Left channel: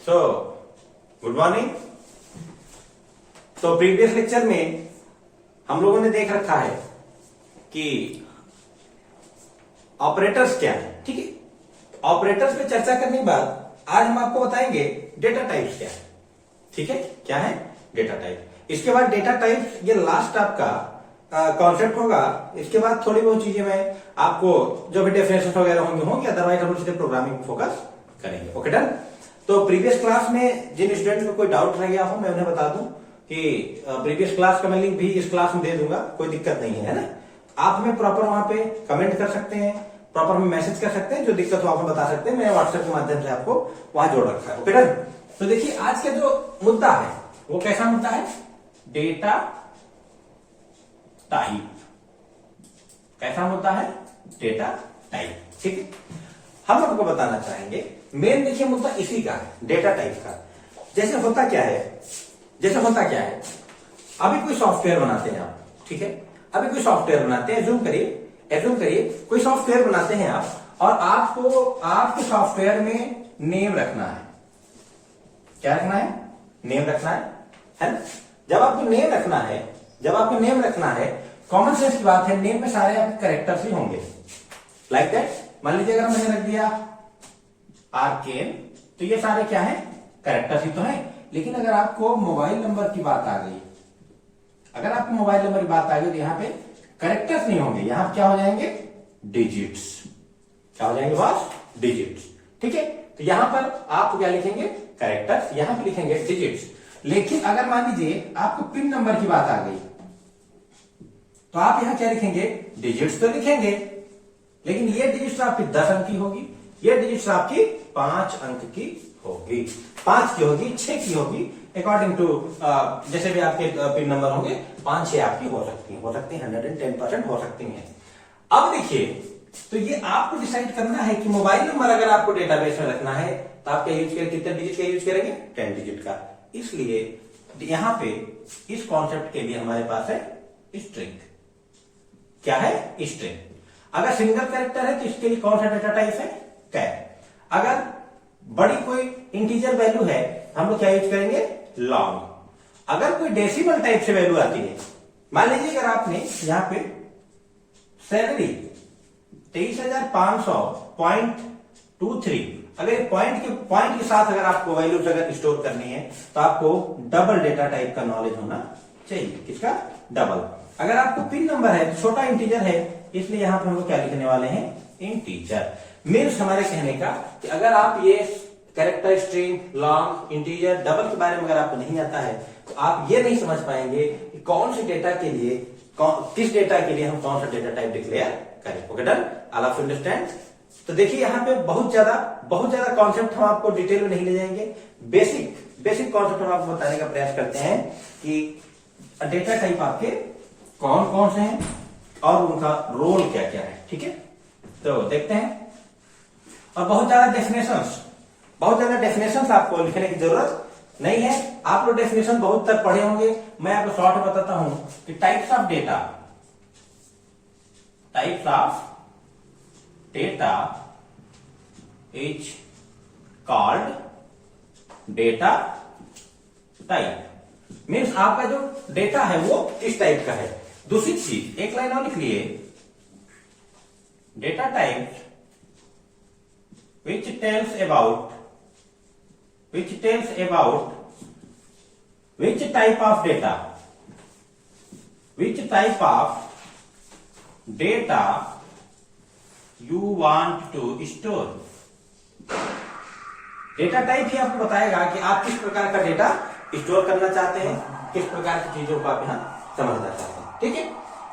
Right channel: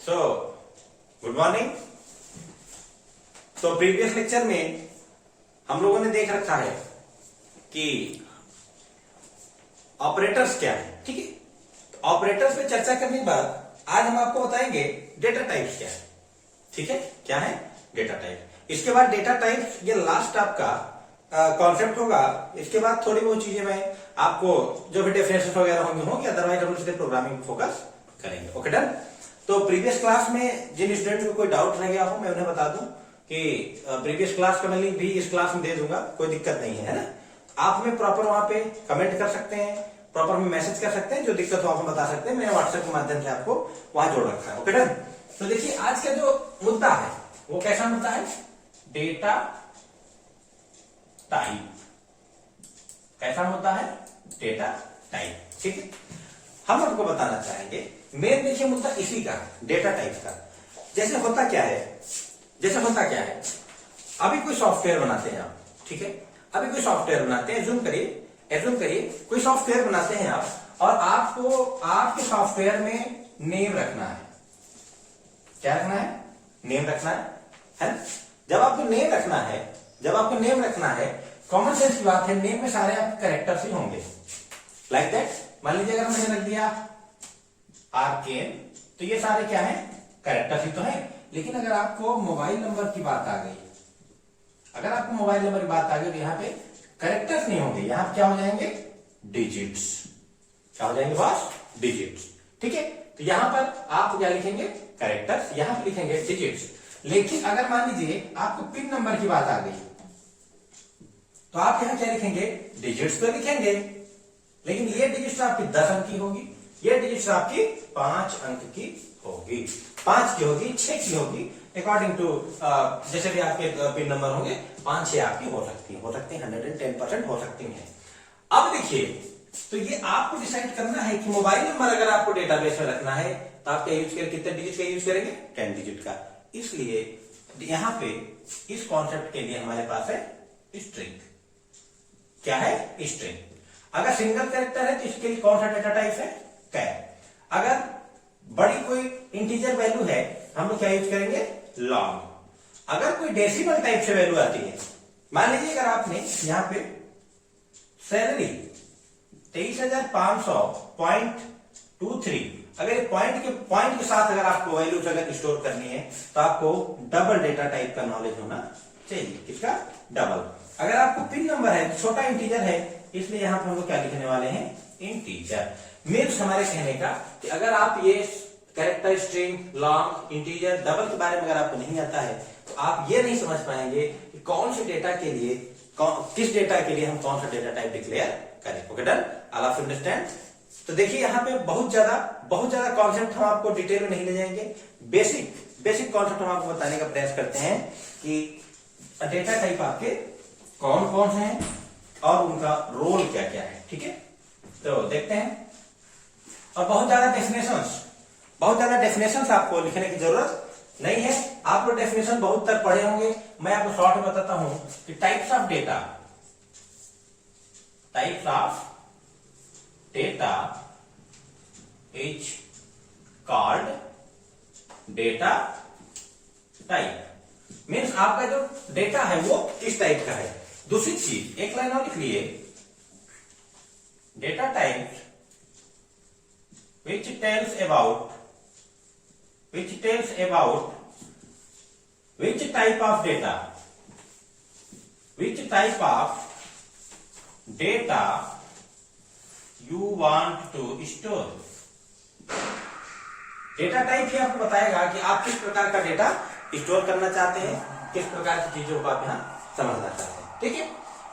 So good morning. तो previous lecture में हम लोगों ने देख रखा है कि ऑपरेटर्स क्या है। ठीक है, तो ऑपरेटर्स पे चर्चा करने के बाद आज हम आपको बताएंगे डेटा टाइप्स क्या है। ठीक है, क्या है डेटा टाइप। इसके बाद डेटा टाइप्स ये लास्ट आपका कॉन्सेप्ट होगा। इसके बाद थोड़ी बहुत चीजें मैं आपको जो भी डेफिनेशन वगैरह होंगे अदरवाइज हम लोग सीधे प्रोग्रामिंग पे फोकस करेंगे। Okay done. तो प्रीवियस क्लास में जिन स्टूडेंट को कोई डाउट रह गया हो मैं उन्हें बता दूं कि प्रीवियस क्लास का मैं लिंक भी इस क्लास में दे दूंगा, कोई दिक्कत नहीं है ना। आप हमें प्रॉपर वहां पे कमेंट कर सकते हैं, प्रॉपर में मैसेज कर सकते हैं, जो दिक्कत हो आप हमें बता सकते हैं। मैंने व्हाट्सएप के माध्यम से आपको वहां जोड़ रखा है। Okay done. तो देखिए आज का जो मुद्दा है वो कैसा मुद्दा है, डेटा टाइप। कैसा मुद्दा है, डेटा टाइप। ठीक है, हम आपको बताना चाहेंगे मेन देखिए मुद्दा इसी का है, डेटा टाइप का। जैसे होता क्या है, अभी कोई सॉफ्टवेयर बनाते हैं आप। ठीक है, अभी कोई सॉफ्टवेयर बनाते हैं, एज्यूम करिए कोई सॉफ्टवेयर बनाते हैं आप, और आपको आपके सॉफ्टवेयर में नेम रखना है। क्या रखना है, नेम रखना है ना। जब आपको नेम रखना है, कॉमन सेंस की बात है, नेम में सारे आपके कैरेक्टर्स ही होंगे। लाइक दैट, मान लीजिए अगर मैंने रख दिया आर्केन, तो ये सारे क्या है, कैरेक्टर्स ही तो है। लेकिन अगर आपको मोबाइल नंबर की बात आ गई, तो यहाँ पे कैरेक्टर्स नहीं होंगे, यहाँ पे क्या हो जाएंगे, डिजिट्स। क्या हो जाएंगे बॉस, डिजिट्स। ठीक है, तो यहां पर आप क्या लिखेंगे, कैरेक्टर्स, यहां पर लिखेंगे डिजिट्स। लेकिन अगर मान लीजिए आपको पिन नंबर की बात आ गई, तो आप यहां क्या लिखेंगे, डिजिट्स तो लिखेंगे, लेकिन ये डिजिट्स आपकी 10 अंक की होगी, ये डिजिट्स आपकी 5 अंक की होगी, 5 की होगी, 6 की होगी, अकॉर्डिंग टू जैसे भी आपके पिन नंबर होंगे, 5-6 आपकी हो सकती है 110% हो सकती है। अब देखिए, तो ये आपको डिसाइड करना है कि मोबाइल नंबर अगर आपको डेटाबेस में रखना है तो आप क्या यूज करेंगे, कितने डिजिट का यूज करेंगे, 10 डिजिट का। इसलिए यहां पे इस कॉन्सेप्ट के लिए हमारे पास है स्ट्रिंग। क्या है, स्ट्रिंग। अगर सिंगल कैरेक्टर है तो इसके लिए कौन सा डेटा टाइप है, कैर। अगर बड़ी कोई इंटीजर वैल्यू है हम लोग क्या यूज करेंगे, लॉन्ग। अगर कोई डेसिमल टाइप से वैल्यू आती है, मान लीजिए अगर आपने यहां पे सैलरी 23,500.23, अगर पॉइंट के साथ अगर आपको वैल्यूज अगर स्टोर करनी है तो आपको डबल डेटा टाइप का नॉलेज होना चाहिए। किसका, डबल। अगर आपको पिन नंबर है, छोटा इंटीजर है, इसलिए यहां पर हम लोग क्या लिखने वाले हैं, इंटीजर। मीन्स हमारे कहने का कि अगर आप ये character, string, long, integer, double के बारे में अगर आपको नहीं आता है तो आप ये नहीं समझ पाएंगे कि कौन से डेटा के लिए, किस डेटा के लिए हम कौन सा डेटा टाइप डिक्लेयर करें। Okay done, all of understand. तो देखिए यहाँ पे बहुत ज्यादा कॉन्सेप्ट हम आपको डिटेल में नहीं ले जाएंगे, बेसिक कॉन्सेप्ट हम आपको बताने का प्रयास करते हैं कि डेटा टाइप आपके कौन कौन से हैं और उनका रोल क्या क्या है। ठीक है, तो देखते हैं। और बहुत ज्यादा डेफिनेशंस आपको लिखने की जरूरत नहीं है। आप लोग डेफिनेशन बहुत तक पढ़े होंगे, मैं आपको शॉर्ट में बताता हूं कि types of data is called data type. Means आपका जो डेटा है वो इस टाइप का है। दूसरी चीज, एक लाइन और लिख लिए, data type which tells about which type of data you want to store। Data type ही आपको बताएगा कि आप किस प्रकार का डेटा स्टोर करना चाहते हैं, किस प्रकार की चीजों को आप यहां समझना चाहते हैं। ठीक है,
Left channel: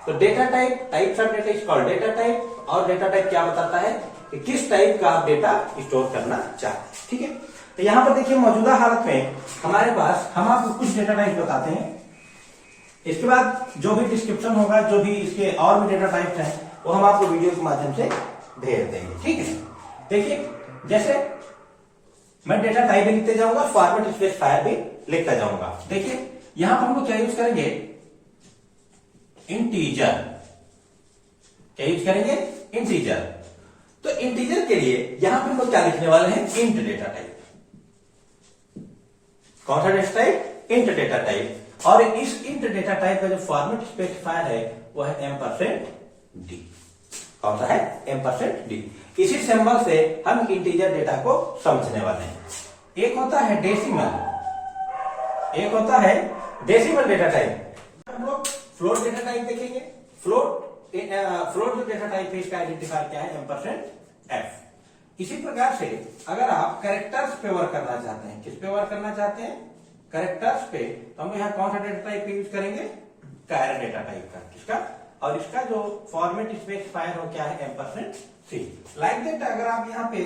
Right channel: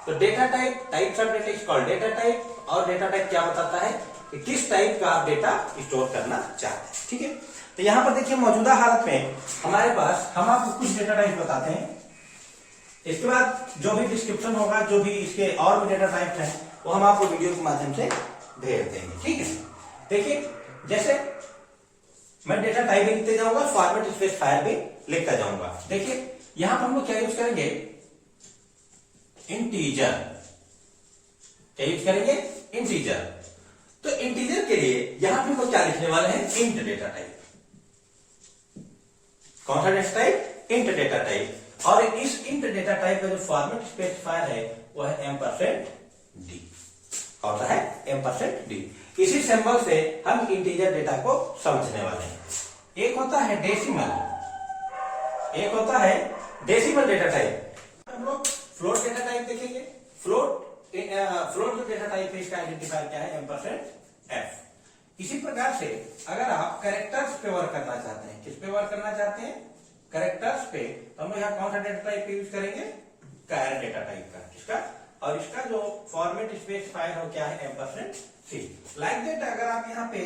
तो data types of data is called data type. और डेटा टाइप क्या बताता है कि किस टाइप का आप डेटा स्टोर करना चाहते हैं। ठीक है, तो यहां पर देखिए मौजूदा हालत में हमारे पास, हम आपको कुछ डेटा टाइप बताते हैं, इसके बाद जो भी डिस्क्रिप्शन होगा, जो भी इसके और भी डेटा टाइप्स हैं वो हम आपको वीडियो के माध्यम से भेज देंगे। ठीक है, देखिए जैसे मैं डेटा टाइप भी लिखते जाऊंगा, फॉर्मेट स्पेसिफायर भी लिखता जाऊंगा। देखिए यहां पर हम लोग क्या यूज करेंगे, इंटीजर। क्या यूज करेंगे, इंटीजर। तो इंटीजर के लिए यहां पर हम लोग क्या लिखने वाले हैं, इंट डेटा टाइप। कौन सा data type? Int data type. और इस इंट डेटा टाइप का जो फॉर्मेट स्पेसिफायर है वो है %d। कौन सा है? %d। इसी सिंबल से हम इंटीजर डेटा को समझने वाले हैं। एक होता है डेसिमल, एक होता है डेसिमल डेटा टाइप। हम लोग फ्लोट डेटा टाइप देखेंगे। फ्लोट जो डेटा टाइप है इसका आइडेंटिफायर क्या है? %f। इसी प्रकार से अगर आप कैरेक्टर्स पे वर्क करना चाहते हैं, किस पे वर्क करना चाहते हैं? कैरेक्टर्स पे, तो हम यहाँ कौन सा डेटा टाइप यूज करेंगे? कैर डेटा टाइप का। किसका? और इसका जो फॉर्मेट स्पेसिफायर हो क्या है? %c। लाइक दैट अगर आप यहाँ पे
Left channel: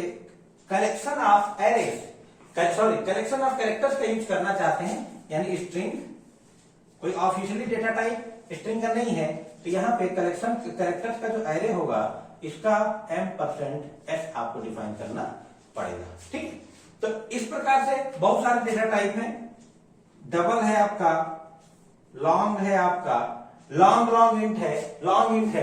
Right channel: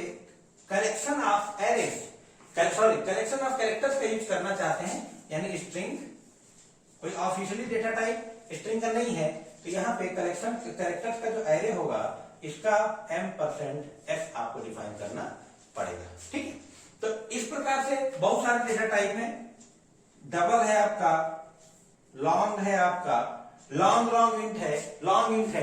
collection of arrays, collection of characters पे यूज करना चाहते हैं, यानी स्ट्रिंग, कोई ऑफिशियली डेटा टाइप स्ट्रिंग का नहीं है, तो यहाँ पे कलेक्शन कैरेक्टर्स का जो एरे होगा इसका %s आपको डिफाइन करना पड़ेगा। ठीक है, तो इस प्रकार से बहुत सारे डेटा टाइप हैं। डबल है आपका, लॉन्ग है आपका, लॉन्ग इंट है,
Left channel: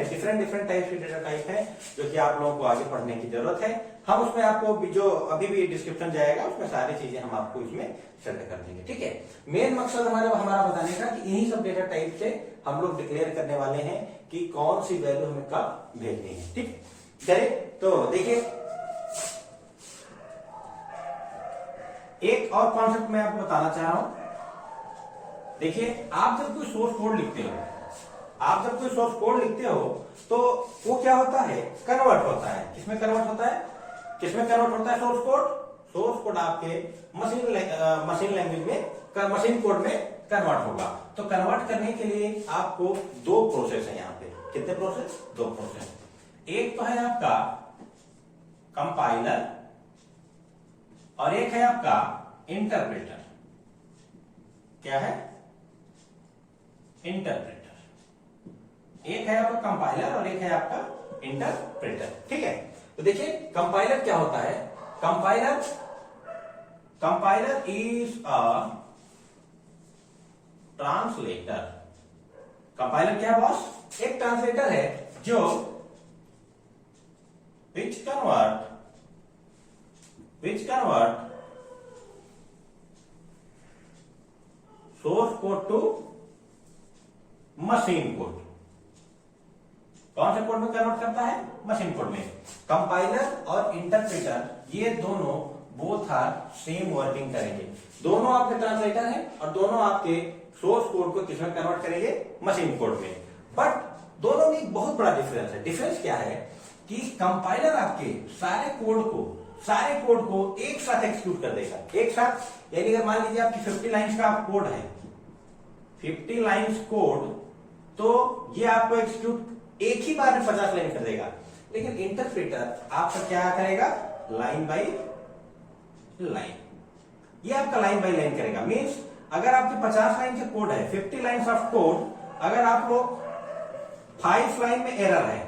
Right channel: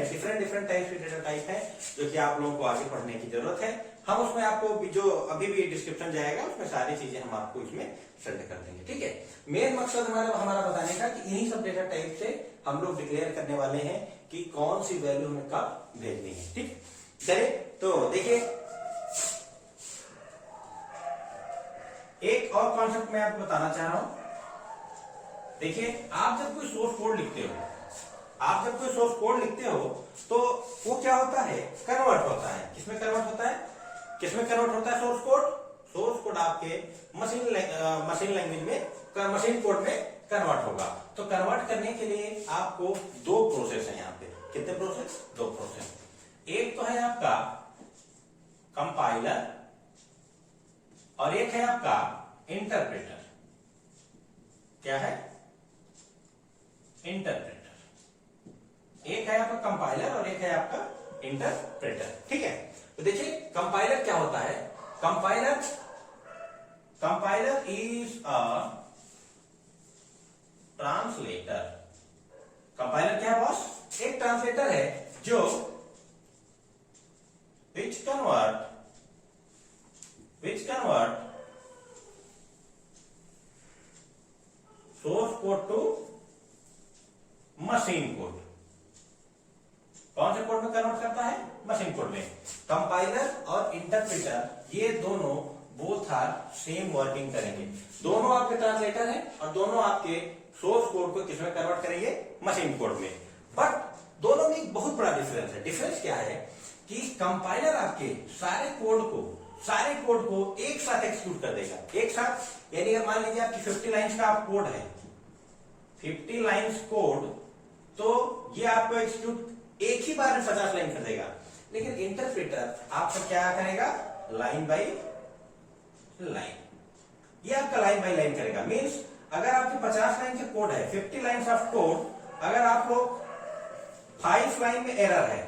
डिफरेंट टाइप के डेटा टाइप है जो कि आप लोगों को आगे पढ़ने की जरूरत है। हम उसमें आपको जो अभी भी डिस्क्रिप्शन जाएगा उसमें सारी चीजें हम आपको इसमें सेट कर देंगे। ठीक है, मेन मकसद हमारा बताने का कि इन्हीं सब डेटा टाइप से हम लोग डिक्लेयर करने वाले हैं कि कौन सी वैल्यू हमें कब भेजनी है। ठीक, चलिए तो देखिए एक और कॉन्सेप्ट मैं आपको बताना चाह रहा हूं। देखिए, आप जब कोई सोर्स कोड लिखते हो, तो वो क्या होता है? कन्वर्ट होता है। किसमें कन्वर्ट होता है? सोर्स कोड आपके मशीन लैंग्वेज में, मशीन कोड में कन्वर्ट होगा। तो कन्वर्ट करने के लिए आपको दो प्रोसेस है यहाँ पे। कितने प्रोसेस? दो प्रोसेस। एक तो है आपका कंपाइलर और एक है आपका इंटरप्रेटर। क्या है? इंटरप्रेटर। एक है आपका कंपाइलर और एक है आपका इंटरप्रेटर। ठीक है, तो देखिए कंपाइलर क्या होता है? Compiler is a translator. Compiler क्या है बॉस? एक ट्रांसलेटर है जो which convert source code to machine code. कौन से कोड में कन्वर्ट करता है? मशीन कोड में। कंपाइलर और इंटरप्रेटर ये दोनों बोथ आर सेम वर्किंग करेंगे। दोनों आपके ट्रांसलेटर हैं और दोनों आपके सोर्स कोड को किसमें कन्वर्ट करेंगे? मशीन कोड में। बट दोनों में एक बहुत बड़ा डिफरेंस है। डिफरेंस क्या है कि कंपाइलर आपके सारे कोड को एक साथ एक्सिक्यूट कर देगा। एक साथ, यानी अगर मान लीजिए आपकी 50 लाइंस का कोड है, 50 लाइंस कोड, तो ये आपको एक्सिक्यूट एक ही बार में 50 लाइन कर देगा। लेकिन इंटरप्रेटर आपका क्या करेगा? Line by line. ये आपका लाइन बाय लाइन करेगा। मीन्स अगर आपके 50 लाइन का कोड है, 50 लाइंस ऑफ कोड, अगर आपको 5 लाइन में एरर है,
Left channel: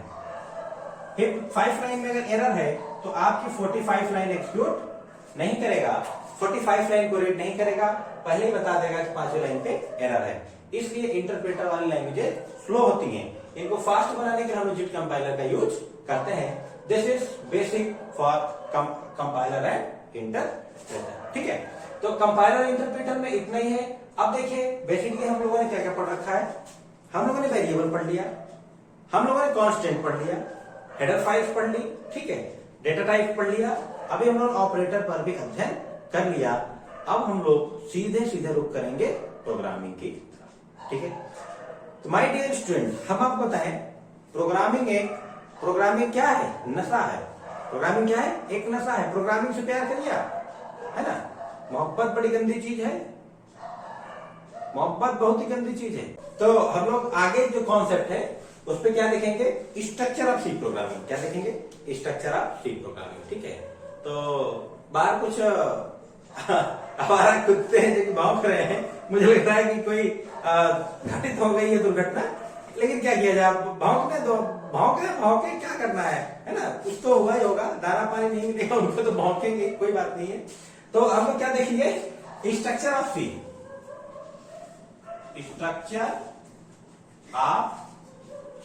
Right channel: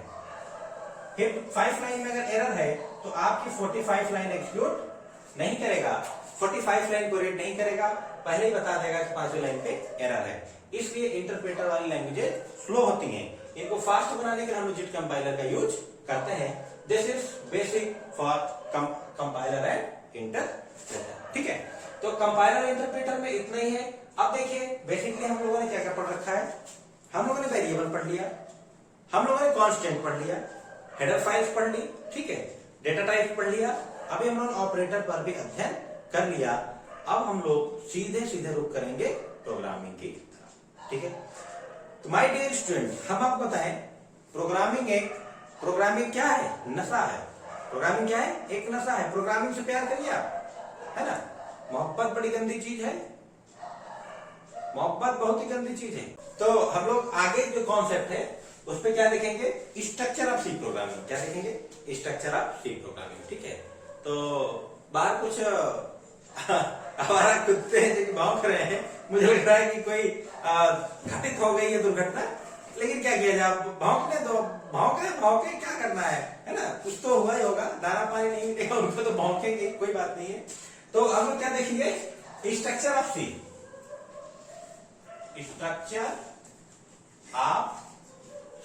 5 लाइन में अगर एरर है तो आपकी 45 लाइन एक्सिक्यूट नहीं करेगा, 45 लाइन को रीड नहीं करेगा, पहले ही बता देगा कि 5वीं लाइन पे एरर है। इसलिए इंटरप्रेटर वाली लैंग्वेजेस स्लो होती हैं। इनको फास्ट बनाने के लिए हम जिट कंपाइलर का यूज करते हैं। This is basic for compiler and interpreter. ठीक है, तो कंपाइलर इंटरप्रेटर में इतना ही है। अब देखिए बेसिकली हम लोगों ने क्या क्या पढ़ रखा है? हम लोगों ने वेरिएबल पढ़ लिया, हम लोगों ने कांस्टेंट पढ़ लिया, हेडर फाइल्स पढ़ ली, ठीक है, डेटा टाइप पढ़ लिया। अभी हम लोग ऑपरेटर पर भी अध्ययन कर लिया। अब हम लोग सीधे रुक करेंगे प्रोग्रामिंग की तरफ। ठीक है, तो माय डियर स्टूडेंट, हम आपको बताएं प्रोग्रामिंग क्या है? नशा है। प्रोग्रामिंग क्या है? एक नशा है। प्रोग्रामिंग से प्यार करिए आप, है ना? मोहब्बत बड़ी गंदी चीज है, मोहब्बत बहुत ही गंदी चीज है। तो हम लोग आगे जो कॉन्सेप्ट है उस पर क्या देखेंगे? Structure of C programming. क्या देखेंगे? Structure of C programming. ठीक है, तो बाहर कुछ हमारा कुत्ते हैं जो भौंक रहे हैं। मुझे लग रहा है कि कोई घटित हो गई है दुर्घटना, लेकिन क्या किया जाए? भौंकने दो, भौंके क्या करना है ना? कुछ तो हुआ ही होगा, दाना पानी नहीं मिलेगा उनको तो भौंकेंगे, कोई बात नहीं है। तो हम लोग क्या देखेंगे? Structure of C, structure of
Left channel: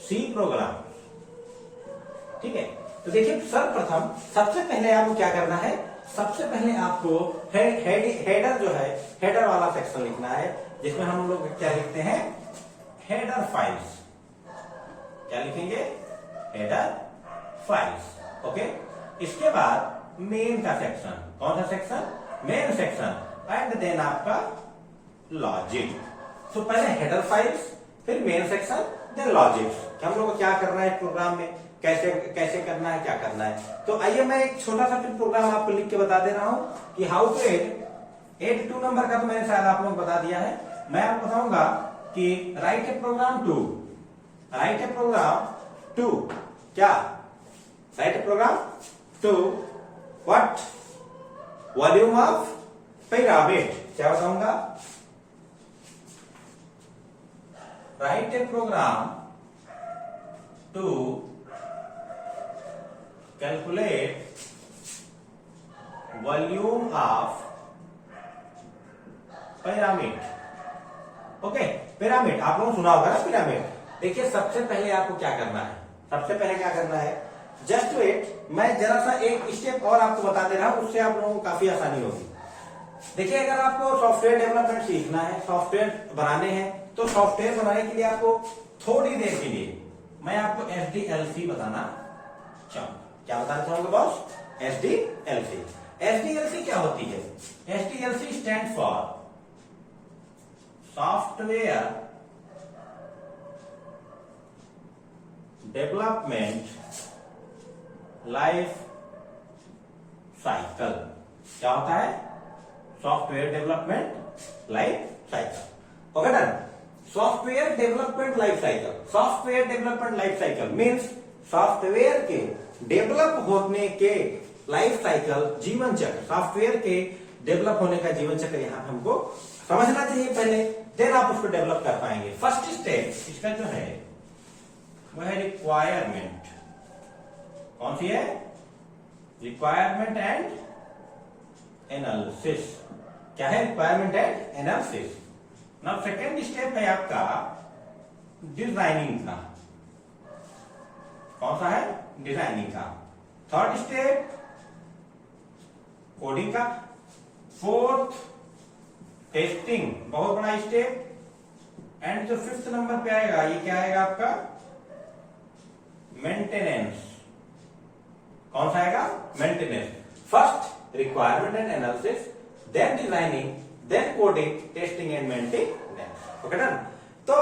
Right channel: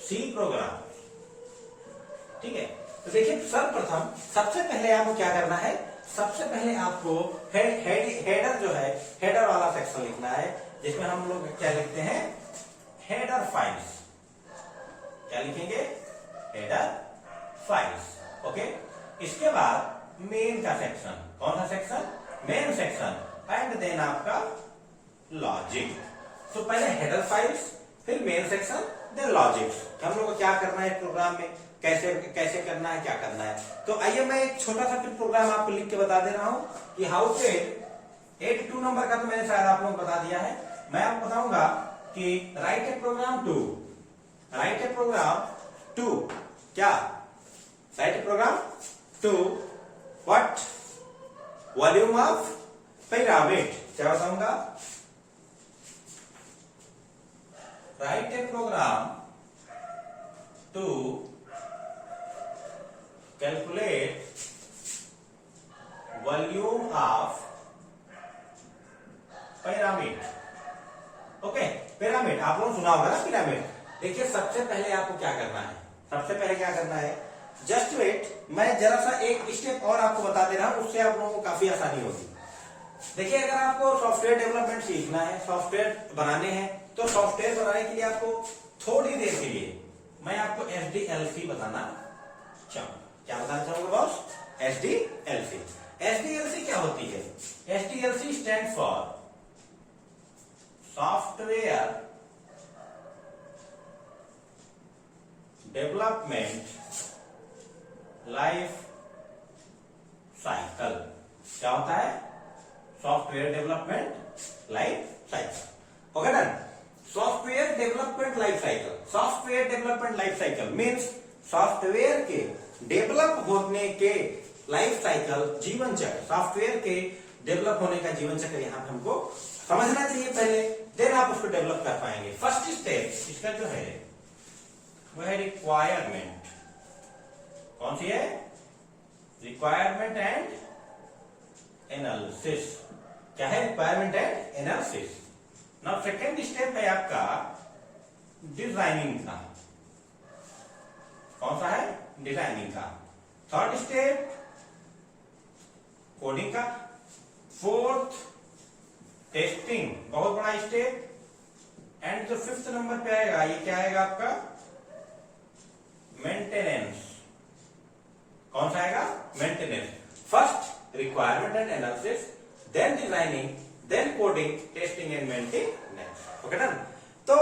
C program. ठीक है, तो देखिए सर्वप्रथम सबसे पहले आपको क्या करना है, सबसे पहले आपको हेडर जो है, हेडर वाला सेक्शन लिखना है, जिसमें हम लोग क्या लिखते हैं, हेडर फाइल्स। क्या लिखेंगे, हेडर फाइल्स। ओके, इसके बाद मेन का सेक्शन, कौन सा section, main section, and then आपका लॉजिक। तो पहले हेडर फाइल्स, फिर मेन सेक्शन, देन लॉजिक। हम लोग को क्या करना है प्रोग्राम में, कैसे कैसे करना है, क्या करना है। तो आइए मैं एक छोटा सा फिर प्रोग्राम आपको लिख के बता दे रहा हूं कि हाउ टू एड 82 नंबर का तो मैंने शायद आप लोगों को बता दिया है। मैं आपको बताऊंगा कि write a program to, write a program to, क्या write a program to what, volume of pyramid. क्या बताऊंगा, write a program to calculate volume of pyramid. Okay, pyramid आप लोगों ने सुना होगा ना, पिरामिड। देखिए सबसे पहले आपको क्या करना है, सबसे पहले क्या करना है, जस्ट वेट, मैं जरा सा एक स्टेप और आपको बता दे रहा हूं, उससे आप लोगों को काफी आसानी होगी। देखिए अगर आपको सॉफ्टवेयर डेवलपमेंट सीखना है, सॉफ्टवेयर बनाने हैं, तो सॉफ्टवेयर बनाने के लिए आपको थोड़ी देर के लिए मैं आपको SDLC बताना चाहूंगा। क्या बताना चाहूंगा बॉस, SDLC। SDLC क्या होती है, SDLC stand for software development life cycle. क्या होता है, software development life cycle. Okay done, software development life cycle. Software development life cycle means software के डेवलप होने के लाइफ साइकिल, जीवन चक्र, सॉफ्टवेयर के डेवलप होने का जीवन चक्र यहां पे हमको समझना चाहिए पहले, देन आप उसको डेवलप कर पाएंगे। फर्स्ट स्टेप इसका जो है वो है रिक्वायरमेंट। कौन सी है, रिक्वायरमेंट एंड एनालिसिस। क्या है, requirement and analysis. Now second step है आपका डिजाइनिंग का। कौन सा है, डिजाइनिंग का। थर्ड स्टेप कोडिंग का। फोर्थ टेस्टिंग, बहुत बड़ा स्टेप। एंड जो फिफ्थ नंबर पे आएगा, ये क्या आएगा आपका, मेंटेनेंस। कौन सा आएगा, maintenance. First requirement and analysis, then designing, then coding, testing and maintenance. Okay done. तो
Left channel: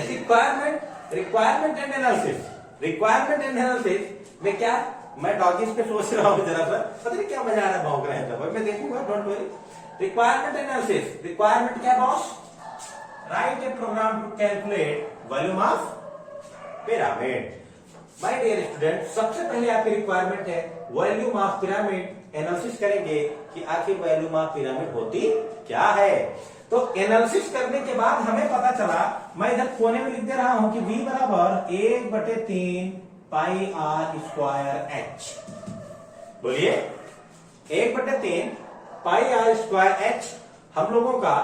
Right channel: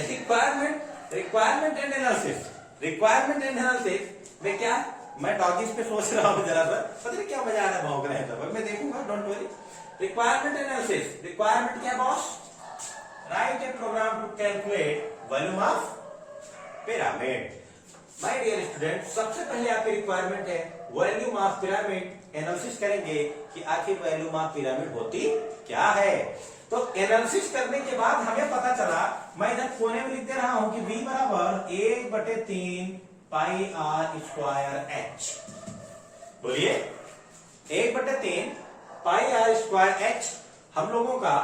requirement and analysis, requirement and analysis में क्या, मैं डॉगीज पे सोच रहा हूं जरा सा, पता नहीं क्या मजा आ रहा है, भौंक रहे हैं, मैं देखूंगा, don't worry. Requirement analysis, requirement क्या boss, write a program to calculate volume of pyramid. My dear student, सबसे पहले आपकी रिक्वायरमेंट है वॉल्यूम ऑफ पिरामिड। एनालिसिस करेंगे कि आखिर वॉल्यूम ऑफ पिरामिड होती क्या है। तो एनालिसिस करने के बाद हमें पता चला, मैं इधर कोने में लिख दे रहा हूं कि V बराबर 1/3 पाई आर स्क्वायर एच। बोलिए, 1/3 पाई आर स्क्वायर एच हम लोगों का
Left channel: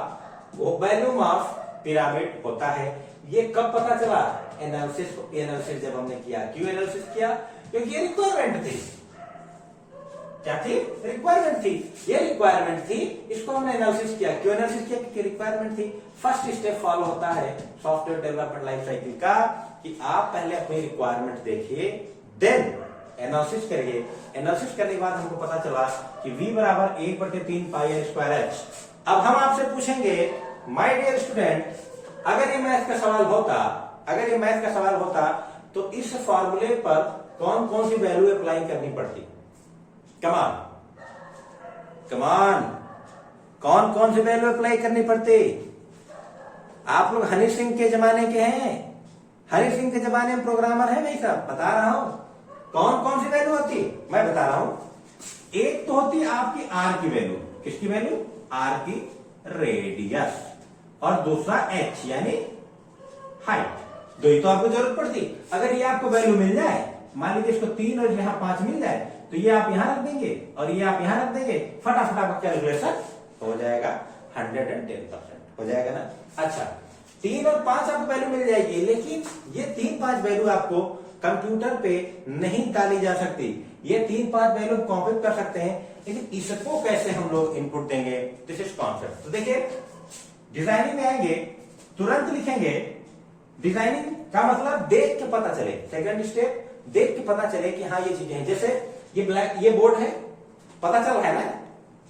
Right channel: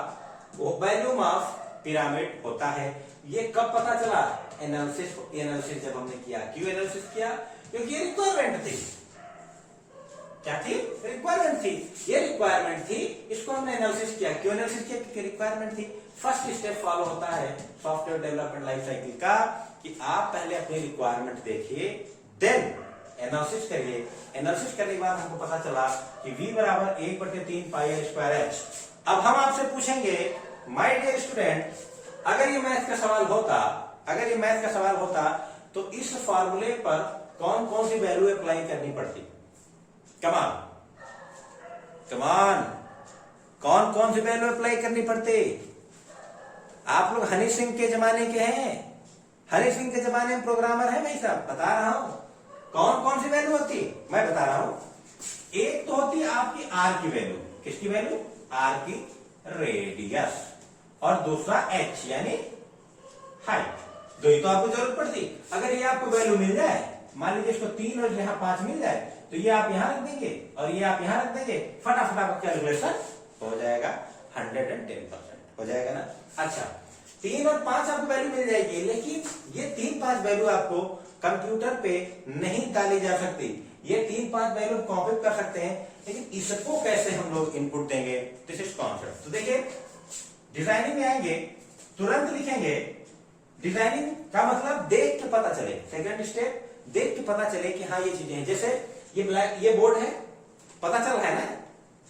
वॉल्यूम ऑफ पिरामिड होता है। ये कब पता चला, एनालिसिस जब हमने किया। क्यों एनालिसिस किया, क्योंकि ये रिक्वायरमेंट थी। क्या थी, रिक्वायरमेंट थी, ये रिक्वायरमेंट थी, इसको हमने एनालिसिस किया। क्यों एनालिसिस किया, क्योंकि रिक्वायरमेंट थी। फर्स्ट स्टेप फॉलो होता है सॉफ्टवेयर डेवलपमेंट लाइफ साइकिल का, कि आप पहले अपनी रिक्वायरमेंट देखिए, देन एनालिसिस करिए। एनालिसिस करने के बाद हमको पता चला कि V बराबर 1/3 पाई आर स्क्वायर एच। अब हम आपसे पूछेंगे, माय डियर स्टूडेंट, अगर ये मैथ का सवाल होता, अगर ये मैथ का सवाल होता, तो इस फॉर्मूले पर कौन कौन सी वैल्यू अप्लाई करनी पड़ती। कमान कमान, कौन कौन सी वैल्यू अप्लाई करनी पड़ती। आप लोग हनी सिंह के जमाने के हैं, हनी सिंह के जमाने में प्रोग्रामर है भाई साहब, बता रहा हूं कौन कौन सी वैल्यू होती, मैं बता रहा हूं। एक तो होती है आपकी आर की वैल्यू। किसकी वैल्यू, आर की रेडियस, और दूसरा एच यानी हाइट। दो ही तो आपको जरूरत पड़ती। अगर ये आपको वैल्यू मिल जाए, मान लीजिए इसको 3 और यहाँ 5 मिल जाए, तो ये आप यहां रख देंगे और ये आप यहां रख देंगे, फटाफट आपका कैलकुलेशन हो जाएगा, 110% हो जाएगा ना। अच्छा, 3 और 5 आपको वैल्यू मिल जाएगी, लेकिन ये 3-5 वैल्यू आपको कंप्यूटर पे नहीं डाली जा सकती। ये 3-5 वैल्यू कॉपी कर सकते हैं, लेकिन इसको कैसे हम लोग इनपुट देंगे, दिस इज कॉन्सेप्ट। तो देखिए डिजाइनिंग में आएंगे, तुरंत लिखेंगे डिजाइनिंग का मतलब देख के पता चले। सेकंड स्टेप, देख के पता चले कि हाँ ये चीजें हैं। जैसे ये बोर्ड है, पता चल रहा है ना,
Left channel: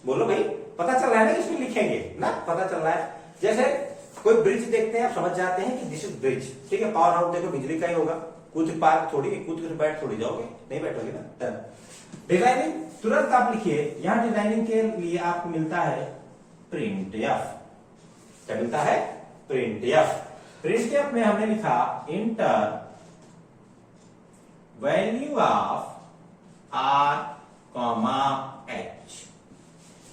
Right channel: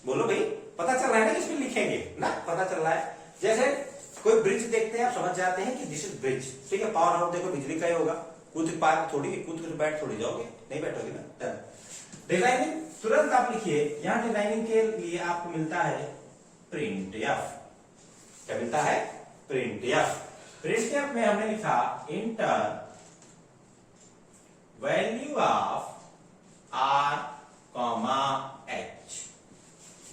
बोलो भाई पता चल रहा है ना, इसमें लिखेंगे ना, पता चल रहा है। जैसे कोई ब्रिज देखते हैं, आप समझ जाते हैं कि दिस इज ब्रिज, ठीक है। पावर हाउस देखो बिजली का ही होगा, कूद पार थोड़ी, कूद कर बैठ थोड़ी जाओगे, नहीं बैठोगे ना। डिजाइनिंग तुरंत आप लिखिए, यहां डिजाइनिंग के लिए आपको मिलता है प्रिंट एफ। क्या मिलता है? Print F. प्रिंट एफ में हमने लिखा inter value of r comma H.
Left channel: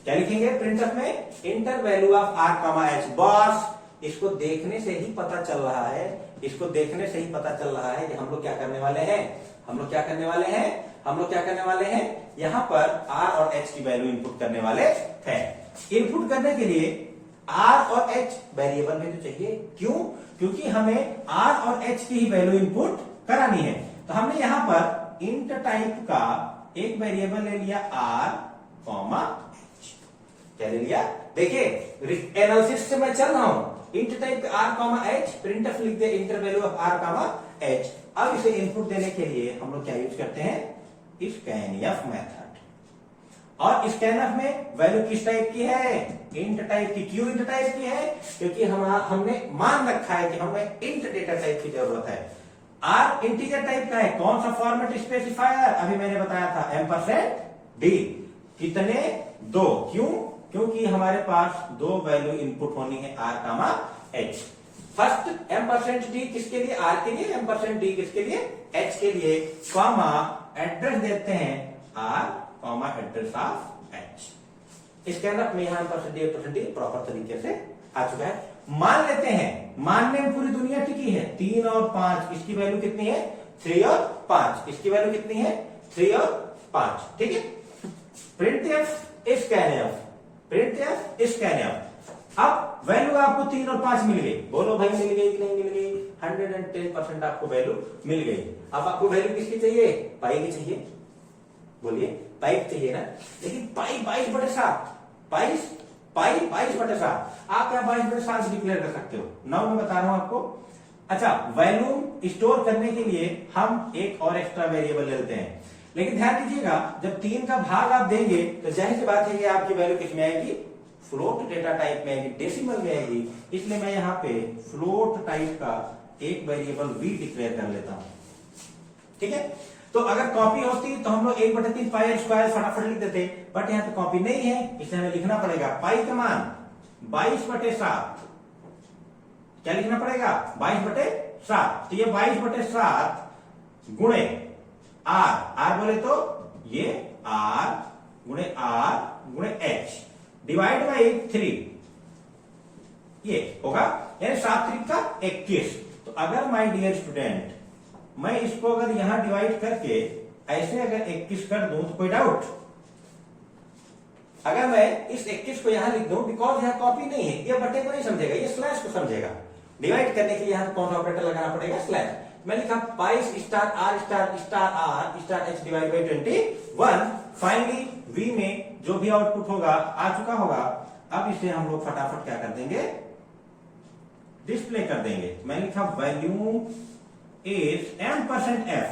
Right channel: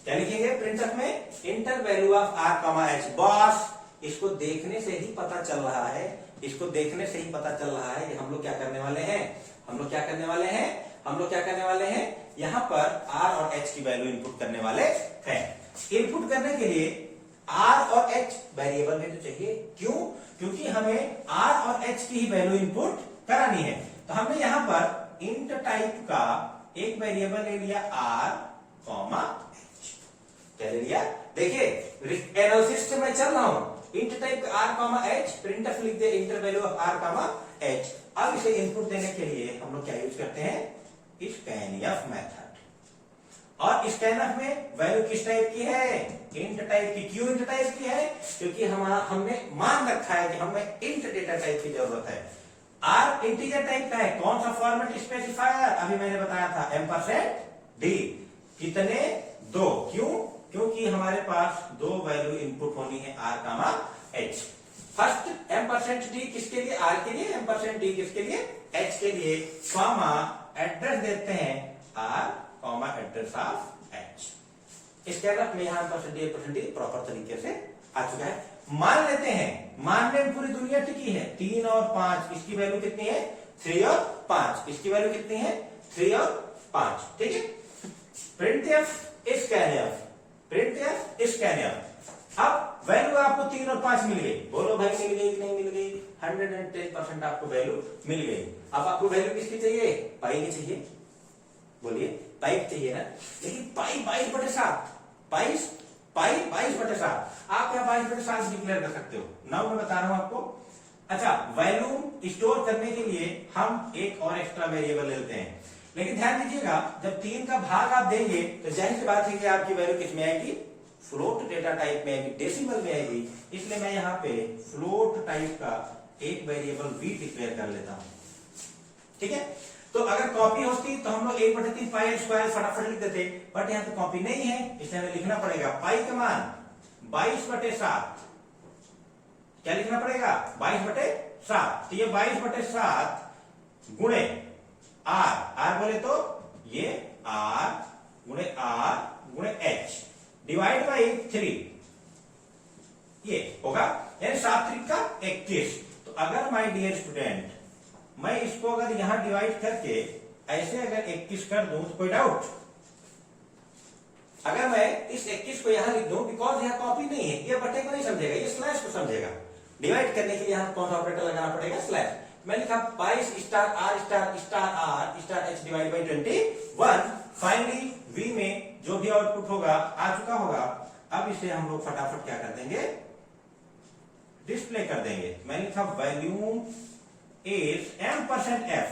क्या लिखेंगे प्रिंटफ में? Inter value of r comma H. Boss इसको देखने से ही पता चल रहा है, इसको देखने से ही पता चल रहा है कि हम लोग क्या करने वाले हैं, हम लोग क्या करने वाले हैं, हम लोग क्या करने वाले हैं, यहां पर आर और एच की वैल्यू इनपुट करने वाले हैं। इनपुट करने के लिए आर और एच वेरिएबल में तो चाहिए, क्यों? क्योंकि हमें आर और एच की ही वैल्यू इनपुट करानी है। तो हमने यहां पर इंट टाइप का एक वेरिएबल ले लिया आर कॉमा एच। क्या ले लिया? देखिए एनालिसिस से मैं चल रहा हूं, int type r comma h, printf लिख दे enter value of r comma h. अब इसे इनपुट देने के लिए हम लोग क्या यूज करते हैं? Scanf method. और स्कैनफ में वैल्यू किस टाइप की है? इंट टाइप की। क्यों इंट टाइप की है? क्योंकि हमने मान रखा है कि हमें इंट डेटा टाइप की जरूरत है। आर इंटीजर टाइप का है, कौन सा फॉर्मेट स्पेसिफायर? अभी मैंने बताया था %d। कितने? 2। क्यों? क्योंकि हमारे पास 2 वैल्यू इनपुट होनी है R comma H. First %d किसके लिए? आर के लिए। %d किसके लिए? एच के लिए। कॉमा एड्रेस देते हैं R comma address of H. Scanf में यहां %d प्रॉपर तरीके से आ चुका है। मान लेते हैं, मानने में पूरी दुनिया टिकी है। 3 और 5, इसकी वैल्यू कितनी है? 3 और 5, इसकी वैल्यू कितनी है? 3 और 5, ठीक है। Printf scanf, printf scanf. अब वैल्यू आपको 3 और 5 मिल गई, बोलो भाई मिल गई कि नहीं मिल गई? 110% आपको वैल्यू मिल गई। अब आपको वैल्यू किसकी चाहिए? पाई की चाहिए, बोलिए पाई चाहिए ना। लेकिन पाई 22/7, पाई 22/7, आप यहाँ 22/7 डिक्लेयर कर सकते हो। नाउ मैं बता रहा हूं आपको। अच्छा, वैल्यू स्टोर करने के लिए हम एक और एक्स्ट्रा वेरिएबल लेते हैं, लेकिन ध्यान दीजिएगा जब 3 का भाग आप देंगे तो जाहिर सी बात है कि आपकी वैल्यू किस में आएगी? फ्लोट डेटा टाइप में आएगी, डेसिमल में आएगी। इसलिए मैं यहाँ पे फ्लोट टाइप का एक वेरिएबल v डिक्लेयर कर लेता हूं, ठीक है। तो अगर कॉपी होती तो हम लोग 1/3 पाई स्क्वायर फटाफट लिख देते, बट यहाँ पे कॉपी नहीं है, इसलिए हमें लिखना पड़ेगा पाई का मान 22/7। क्या लिखना पड़ेगा? 22/7। तो ये 22/7 गुणे आर बोले तो ये आर गुणे एच डिवाइड बाई 3, ये होगा यानी 7 3 का 21। तो अगर माय डियर स्टूडेंट मैं इसको अगर यहां डिवाइड करके ऐसे अगर 21 कर दूं तो कोई डाउट? अगर मैं इस 21 को यहां लिख दूं, बिकॉज यहां कॉपी नहीं है, ये बटे को नहीं समझेगा, ये स्लैश को समझेगा। डिवाइड करने के लिए यहां कौन सा ऑपरेटर लगाना पड़ेगा? स्लैश। मैं लिखा pi star R star star R star H divide by 21। Finally V में जो भी आउटपुट होगा आ चुका होगा। अब इसे हम लोग फटाफट क्या कर देंगे? डिस्प्ले कर देंगे। मैंने लिखा वैल्यू इज %f।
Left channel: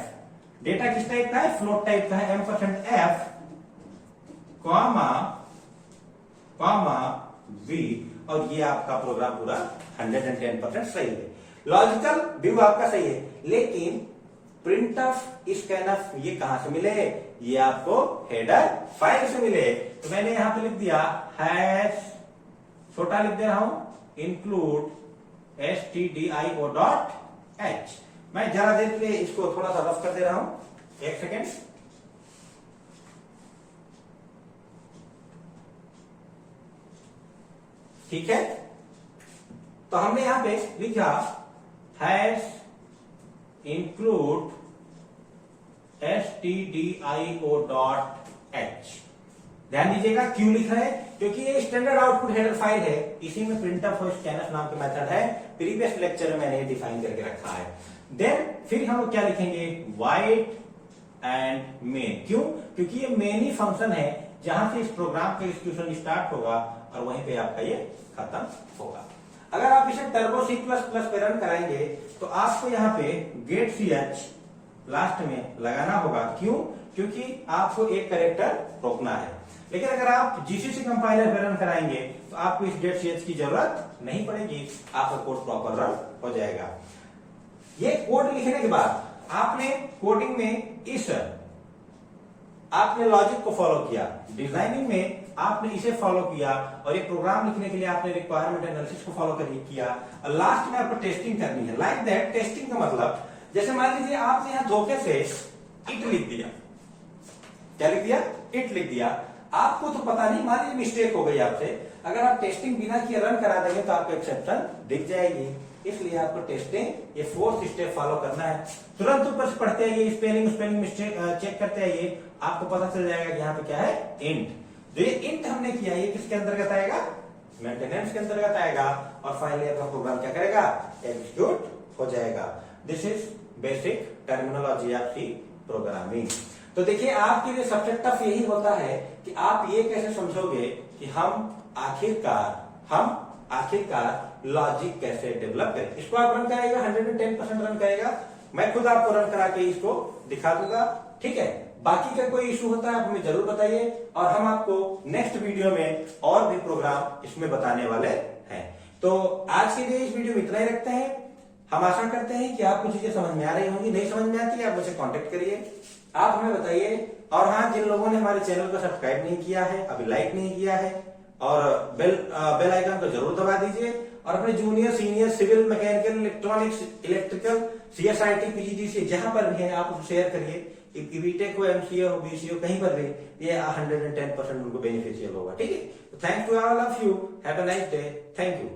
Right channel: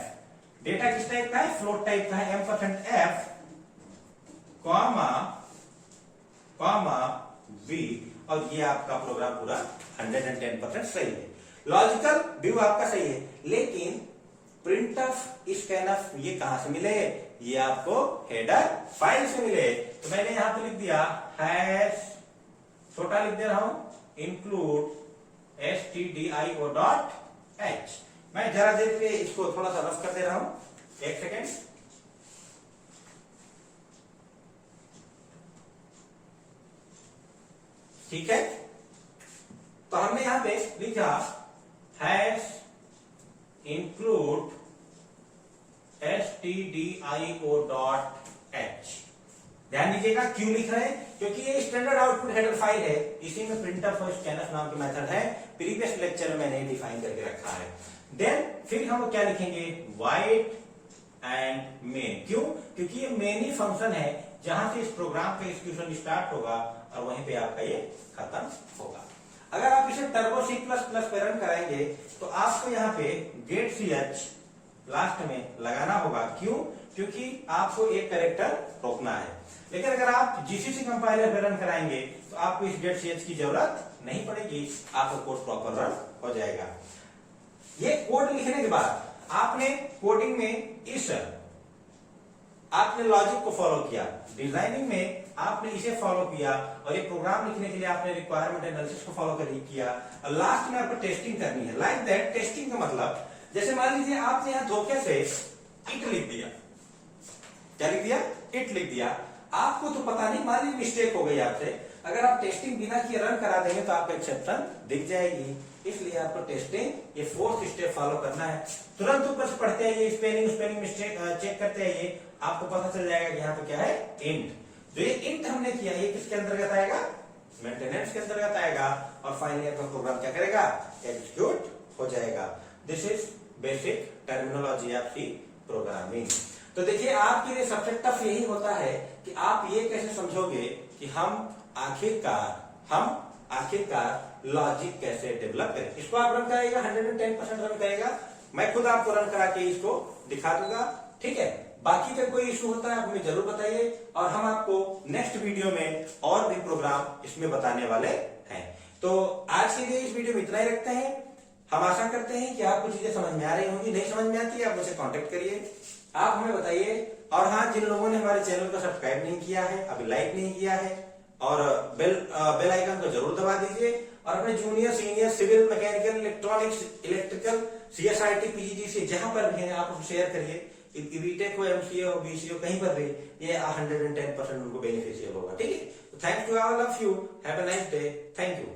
डेटा किस टाइप का है? फ्लोट टाइप का है। %f कॉमा v, और ये आपका प्रोग्राम पूरा 110% सही है। लॉजिकल व्यू आपका सही है, लेकिन प्रिंटफ स्कैनफ ये कहां से मिले? ये आपको हेडर फाइल से मिले। तो मैंने यहां पे लिख दिया हैश, छोटा लिख दे रहा हूं, इंक्लूड stdio.h। मैं जरा देर के लिए इसको थोड़ा सा रफ कर दे रहा हूं, 1 सेकेंड। ठीक है, तो हमने यहां पे लिखा हैश इंक्लूड stdio.h। ध्यान दीजिएगा क्यों लिख रहे हैं? क्योंकि ये स्टैंडर्ड आउटपुट हेडर फाइल है, इसी में प्रिंटफ और स्कैनफ नाम के मेथड है। प्रीवियस लेक्चर में मैंने डिफाइन करके रखा है। देन फिर हम लोग क्या लिखेंगे, वाइट एंड मेन। क्यों? क्योंकि ये मेन ही फंक्शन है जहां से इस प्रोग्राम का एग्जीक्यूशन स्टार्ट होगा और वहीं पे आपका ये खत्म होगा। अगर आप इसे टर्बो C++ पे रन कराएंगे तो आपको यहाँ पे गेट ch लास्ट में लगाना होगा। क्यों? क्योंकि आपको एक कैरेक्टर रोकना है। लेकिन अगर आप GCC कंपाइलर पे रन कराएंगे तो आपको इस गेट ch की जरूरत नहीं पड़ेगी, आपका कोड प्रॉपर रन हो जाएगा। ये कोड लिखने के बाद आपने कोडिंग में इस आपने लॉजिक को फॉलो किया, डिजाइनिंग में आपने इसे फॉलो किया और ये प्रोग्राम लिखने के लिए आपने रिक्वायरमेंट एनालिसिस को फॉलो किया और लास्ट में आपको टेस्टिंग करनी है। लाइक दैट, टेस्टिंग का मतलब जैसे मान लीजिए आपने यहां धोखे से इट लिख दिया। क्या लिख दिया? इट लिख दिया। आपको तो पता नहीं, मान लीजिए मिस्टेक हो गई आपसे, अगर आप टेस्टिंग बिना किए रन करा देंगे तो आपको एक्सेप्शन दिख जाएगी। इसलिए आपको टेस्टिंग ये 4th स्टेप फॉलो करना है। तुरंत ऊपर से पढ़ते आइए, स्पेलिंग मिस्टेक चेक करते आइए, आपको पता चल जाएगा कि यहाँ पे क्या है, इंट। जो ये इंट हमने किया ये किसके अंतर्गत आएगा, मेंटेनेंस के अंतर्गत आएगा और फाइनली आपका प्रोग्राम क्या करेगा, एग्जीक्यूट हो जाएगा। दिस इज बेसिक टर्मिनोलॉजी आपकी प्रोग्रामिंग। तो देखिए आपके लिए सबसे टफ यही होता है कि आप ये कैसे समझोगे कि हम आखिरकार लॉजिक कैसे डेवलप करें। इसको आप रन कराएगा, 110% रन करेगा। मैं खुद आपको रन करा के इसको दिखा दूंगा, ठीक है। बाकी का कोई इशू होता है आप हमें जरूर बताइए और हम आपको नेक्स्ट वीडियो में और भी प्रोग्राम इसमें बताने वाले हैं। तो आज के लिए इस वीडियो में इतना ही रखते हैं। हम आशा करते हैं कि आपको चीजें समझ में आ रही होंगी। नहीं समझ में आती है आप मुझे कांटेक्ट करिए, आप हमें बताइए। और हाँ, जिन लोगों ने हमारे चैनल को सब्सक्राइब नहीं किया है, अभी लाइक नहीं किया है और बेल आइकन को जरूर दबा दीजिए और अपने junior senior civil mechanical electronics electrical CSIT PGDCA जहां पर भी है आप उसको शेयर करिए। बीटेक हो, MCA हो, BCA हो, कहीं पर भी ये 110% उनको बेनिफिशियल होगा, ठीक है। Thank you all of you, have a nice day, thank you.